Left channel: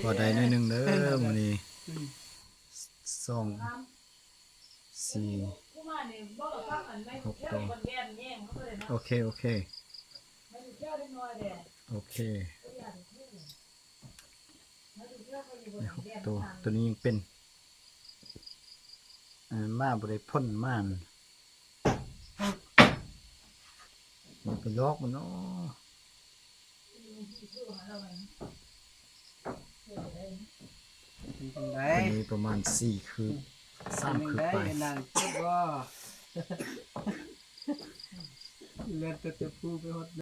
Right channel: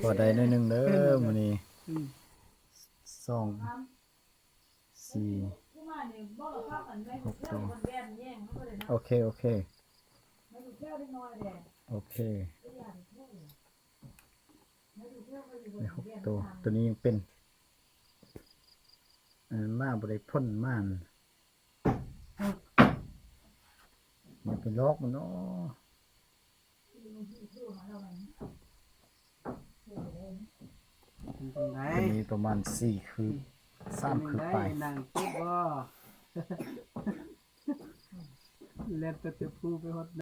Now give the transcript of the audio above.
พอได้หน่อยหนึงเด้อมื้อนี้2 4 6ตัวโอเคโอเคโอเคได้6ตัวตัวนี้ยังเป็นมาบ่ได้พ่นม่านอย่าไปลอกมันเนาะตัวนี้ประมาณ4 คืบ3 คืบไปนางเจ็บบ่เล่นแต่จะพูดไปฮอด